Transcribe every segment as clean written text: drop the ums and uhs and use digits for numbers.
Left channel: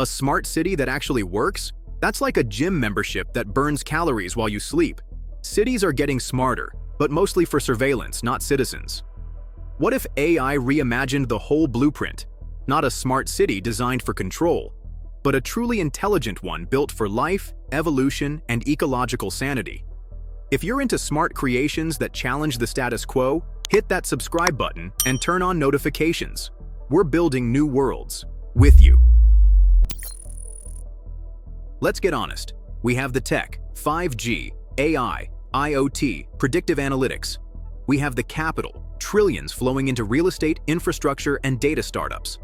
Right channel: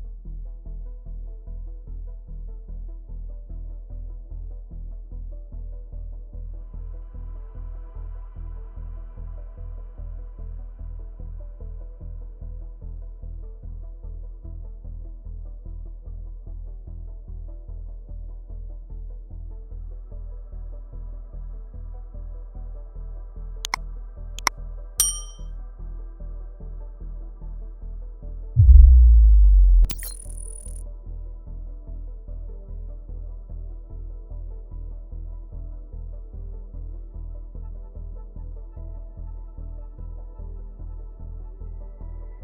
A smart city that actually works? That's like a gym membership that burns calories while you sleep. Cities are getting smarter, but mostly for surveillance, not citizens. What if AI reimagined the whole blueprint? Not a smart city designed for control, but a truly intelligent one built for life, evolution, and ecological sanity. If you're into smart creations that challenge the status quo, hit that subscribe button and turn on notifications. We're building new worlds with you. Let's get honest. We have the tech, 5G, AI, IoT, predictive analytics. We have the capital, trillions flowing into real estate, infrastructure, and data startups.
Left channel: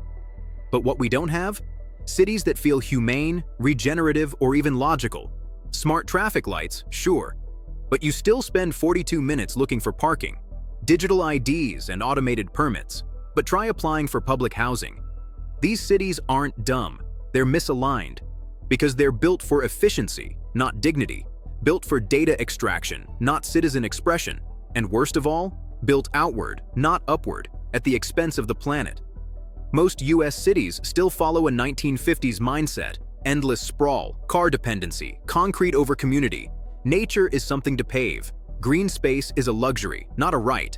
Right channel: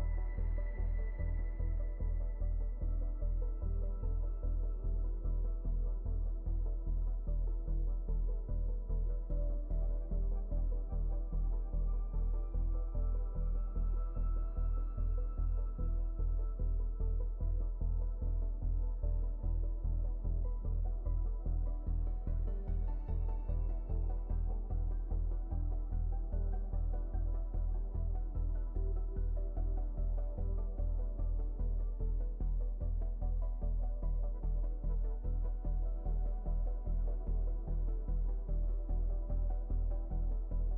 But what we don't have? Cities that feel humane, regenerative, or even logical. Smart traffic lights, sure. But you still spend 42 minutes looking for parking, digital IDs, and automated permits. But try applying for public housing. These cities aren't dumb, they're misaligned. Because they're built for efficiency, not dignity. Built for data extraction, not citizen expression. And worst of all, built outward, not upward, at the expense of the planet. Most US cities still follow a 1950s mindset: endless sprawl, car dependency, concrete over community. Nature is something to pave. Green space is a luxury, not a right.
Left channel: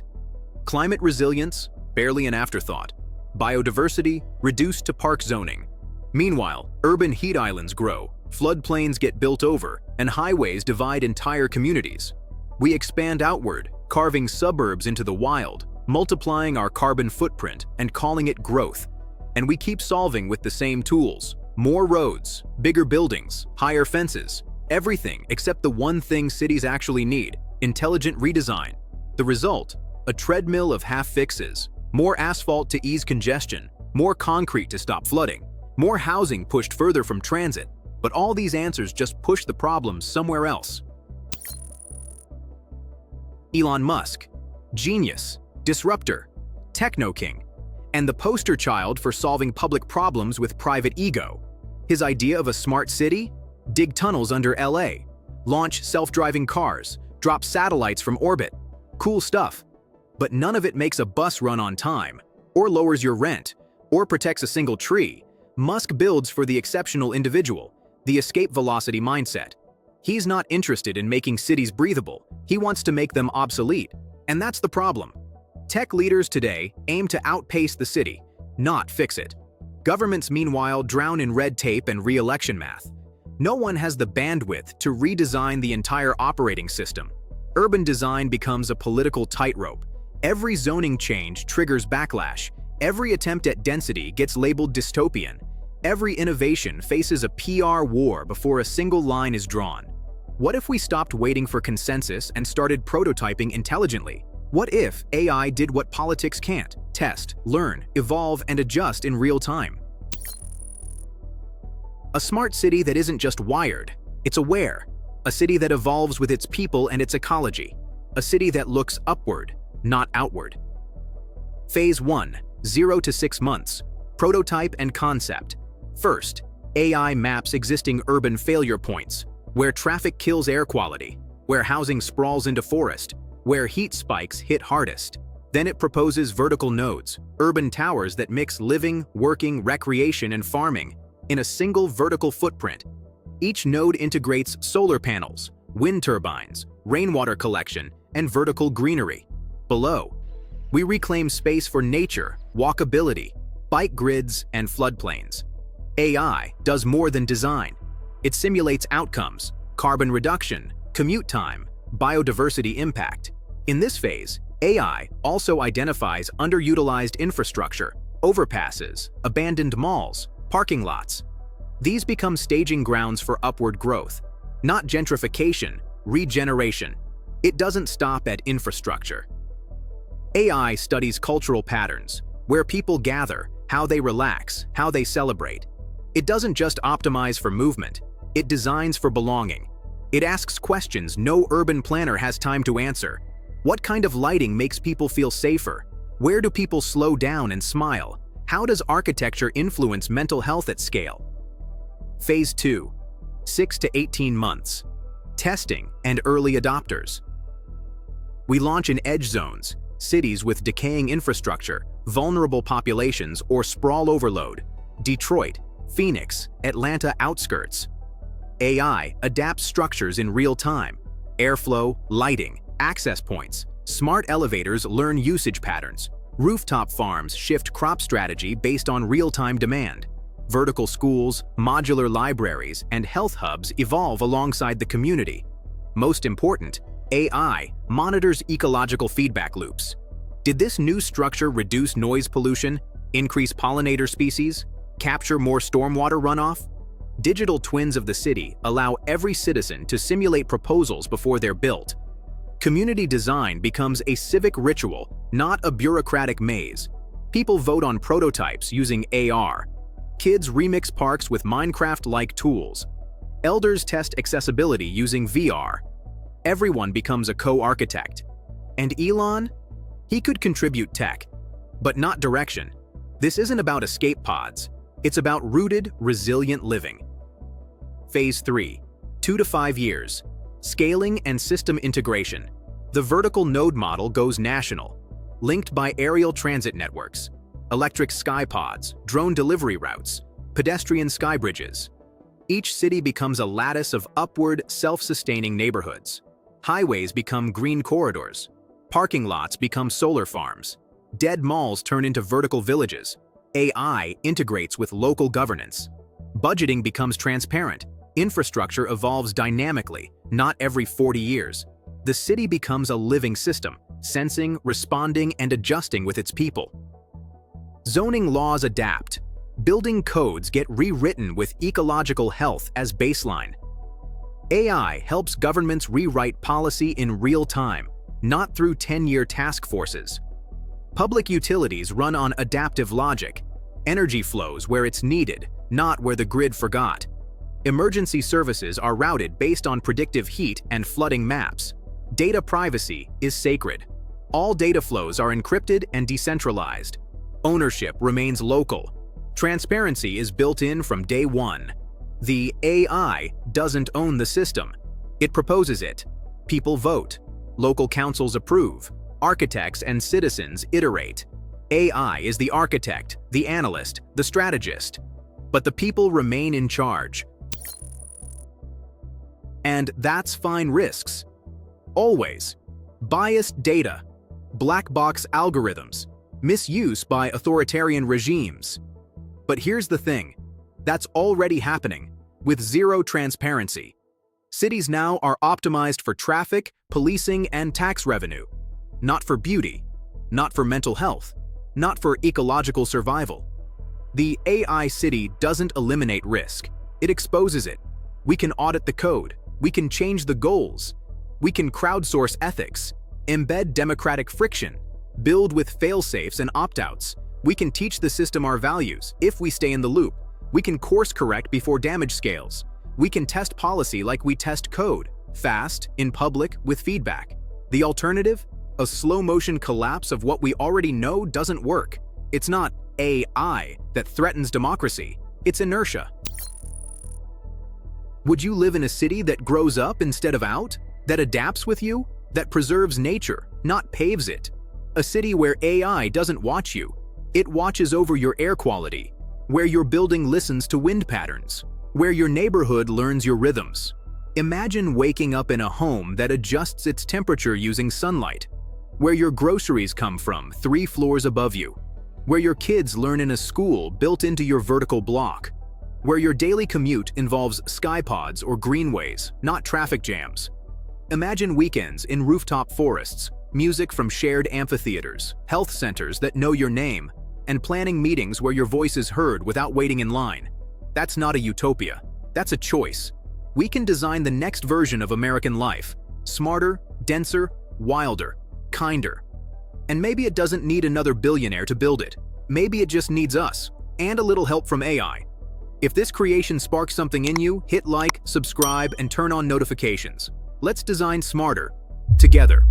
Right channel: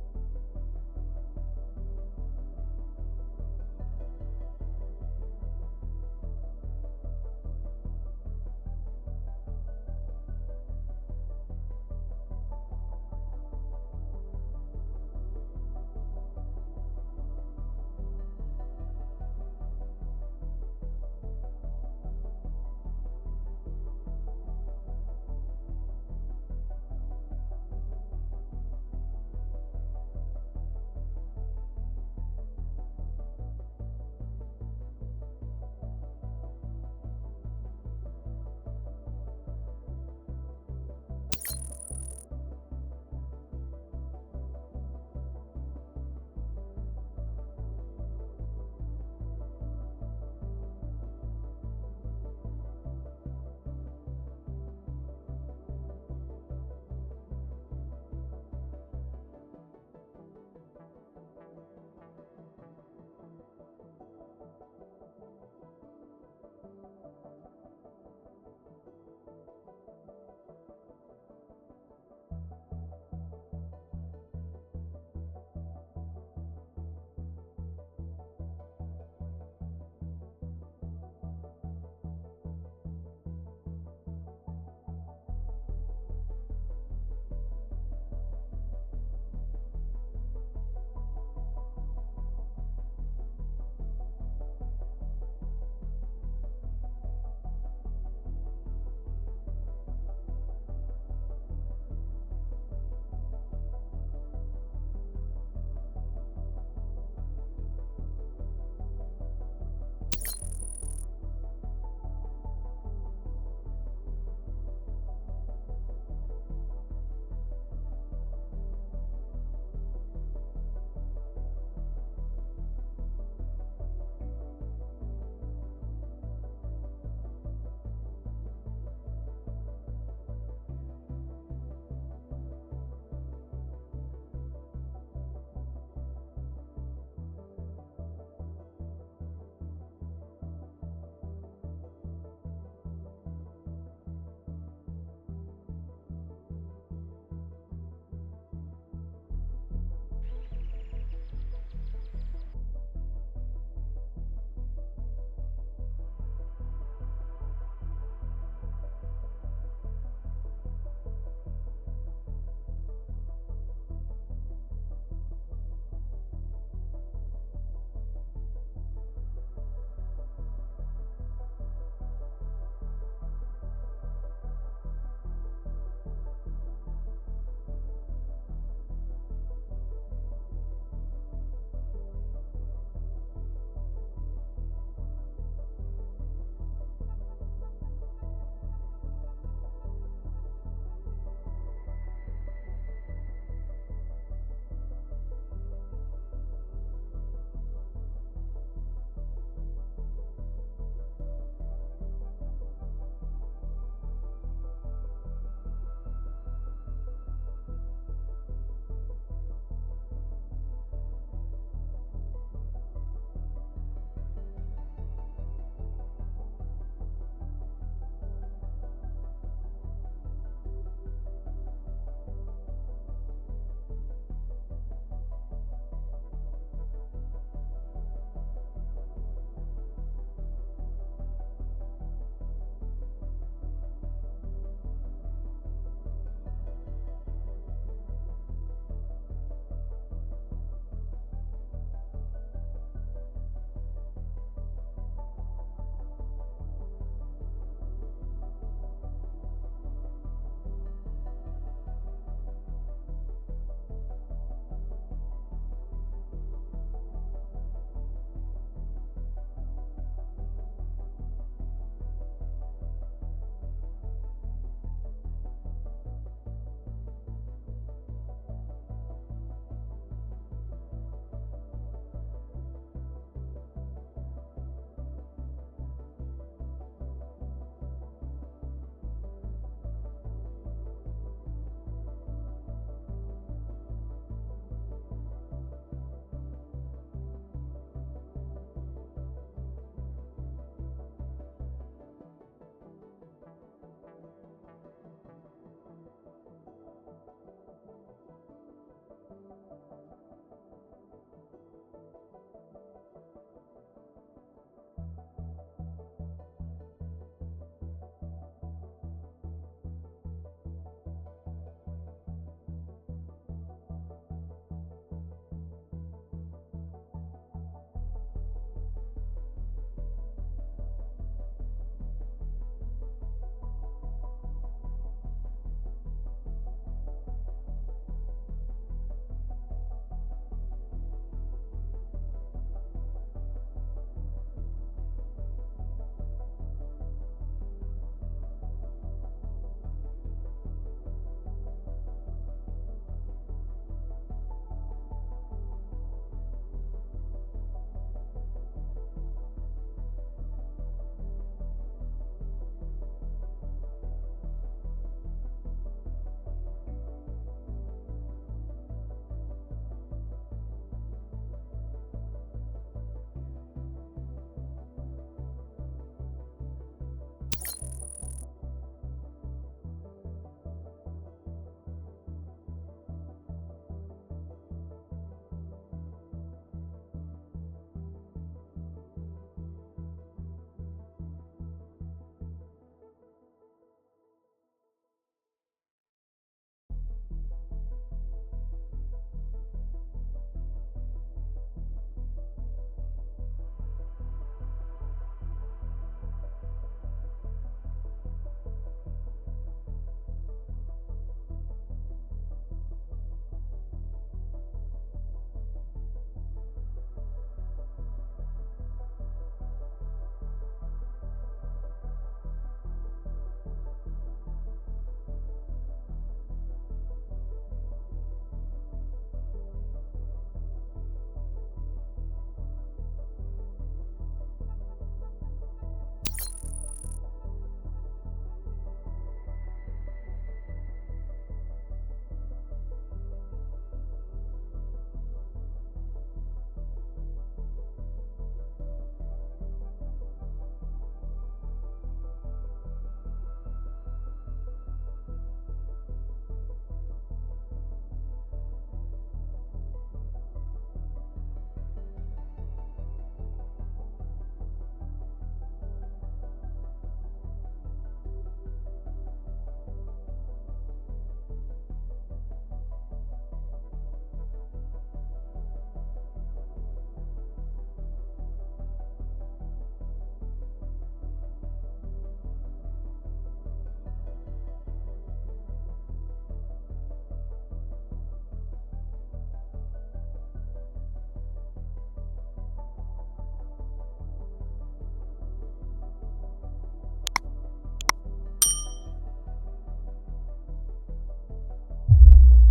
Climate resilience, barely an afterthought. Biodiversity, reduced to park zoning. Meanwhile, urban heat islands grow, floodplains get built over, and highways divide entire communities. We expand outward, carving suburbs into the wild, multiplying our carbon footprint and calling it growth. And we keep solving with the same tools: more roads, bigger buildings, higher fences, everything except the one thing cities actually need: intelligent redesign. The result? A treadmill of half-fixes, more asphalt to ease congestion, more concrete to stop flooding, more housing pushed further from transit. But all these answers just push the problems somewhere else. Elon Musk, genius, disruptor, techno-king, and the poster child for solving public problems with private ego. His idea of a smart city? Dig tunnels under LA, launch self-driving cars, drop satellites from orbit. Cool stuff. But none of it makes a bus run on time, or lowers your rent, or protects a single tree. Musk builds for the exceptional individual, the escape velocity mindset. He's not interested in making cities breathable, he wants to make them obsolete. And that's the problem. Tech leaders today aim to outpace the city, not fix it. Governments, meanwhile, drown in red tape and re-election math. No one has the bandwidth to redesign the entire operating system. Urban design becomes a political tightrope. Every zoning change triggers backlash. Every attempt at density gets labeled dystopian. Every innovation faces a PR war before a single line is drawn. What if we stopped waiting for consensus and started prototyping intelligently? What if AI did what politics can't: test, learn, evolve, and adjust in real time? A smart city that isn't just wired, it's aware. A city that evolves with its people and its ecology. A city that looks upward, not outward. Phase 1, 0 to 6 months. Prototype and concept. First, AI maps existing urban failure points, where traffic kills air quality, where housing sprawls into forest, where heat spikes hit hardest. Then it proposes vertical nodes, urban towers that mix living, working, recreation, and farming in a single vertical footprint. Each node integrates solar panels, wind turbines, rainwater collection, and vertical greenery. Below, we reclaim space for nature, walkability, bike grids, and floodplains. AI does more than design. It simulates outcomes: carbon reduction, commute time, biodiversity impact. In this phase, AI also identifies underutilized infrastructure, overpasses, abandoned malls, parking lots. These become staging grounds for upward growth, not gentrification, regeneration. It doesn't stop at infrastructure. AI studies cultural patterns, where people gather, how they relax, how they celebrate. It doesn't just optimize for movement, it designs for belonging. It asks questions no urban planner has time to answer. What kind of lighting makes people feel safer? Where do people slow down and smile? How does architecture influence mental health at scale? Phase 2, 6 to 18 months. Testing and early adopters. We launch in edge zones, cities with decaying infrastructure, vulnerable populations, or sprawl overload. Detroit, Phoenix, Atlanta outskirts. AI adapts structures in real time. Airflow, lighting, access points. Smart elevators learn usage patterns. Rooftop farms shift crop strategy based on real-time demand. Vertical schools, modular libraries, and health hubs evolve alongside the community. Most important, AI monitors ecological feedback loops. Did this new structure reduce noise pollution, increase pollinator species, capture more stormwater runoff? Digital twins of the city allow every citizen to simulate proposals before they're built. Community design becomes a civic ritual, not a bureaucratic maze. People vote on prototypes using AR. Kids remix parks with Minecraft-like tools. Elders test accessibility using VR. Everyone becomes a co-architect. And Elon? He could contribute tech, but not direction. This isn't about escape pods. It's about rooted, resilient living. Phase 3, 2 to 5 years. Scaling and system integration. The vertical node model goes national, linked by aerial transit networks, electric sky pods, drone delivery routes, pedestrian sky bridges. Each city becomes a lattice of upward, self-sustaining neighborhoods. Highways become green corridors. Parking lots become solar farms. Dead malls turn into vertical villages. AI integrates with local governance. Budgeting becomes transparent. Infrastructure evolves dynamically, not every 40 years. The city becomes a living system, sensing, responding, and adjusting with its people. Zoning laws adapt. Building codes get rewritten with ecological health as baseline. AI helps governments rewrite policy in real time, not through 10-year task forces. Public utilities run on adaptive logic. Energy flows where it's needed, not where the grid forgot. Emergency services are routed based on predictive heat and flooding maps. Data privacy is sacred. All data flows are encrypted and decentralized. Ownership remains local. Transparency is built in from day one. The AI doesn't own the system. It proposes it. People vote. Local councils approve. Architects and citizens iterate. AI is the architect, the analyst, the strategist. But the people remain in charge. And that's fine risks. Always. Biased data, black box algorithms, misuse by authoritarian regimes. But here's the thing, that's already happening, with zero transparency. Cities now are optimized for traffic, policing, and tax revenue. Not for beauty, not for mental health, not for ecological survival. The AI city doesn't eliminate risk, it exposes it. We can audit the code, we can change the goals, we can crowdsource ethics, embed democratic friction, build with fail-safes and opt-outs. We can teach the system our values if we stay in the loop. We can course correct before damage scales. We can test policy like we test code, fast, in public, with feedback. The alternative? A slow-motion collapse of what we already know doesn't work. It's not AI that threatens democracy, it's inertia. Would you live in a city that grows up instead of out? That adapts with you? That preserves nature, not paves it? A city where AI doesn't watch you, it watches over your air quality, where your building listens to wind patterns, where your neighborhood learns your rhythms. Imagine waking up in a home that adjusts its temperature using sunlight, where your groceries come from 3 floors above you, where your kids learn in a school built into your vertical block, where your daily commute involves skypods or greenways, not traffic jams. Imagine weekends in rooftop forests, music from shared amphitheaters, health centers that know your name, and planning meetings where your voice is heard without waiting in line. That's not a utopia, that's a choice. We can design the next version of American life, smarter, denser, wilder, kinder. And maybe it doesn't need another billionaire to build it. Maybe it just needs us, and a little help from AI. If this creation sparks something in you, hit like, subscribe, and turn on notifications. Let's design smarter, together.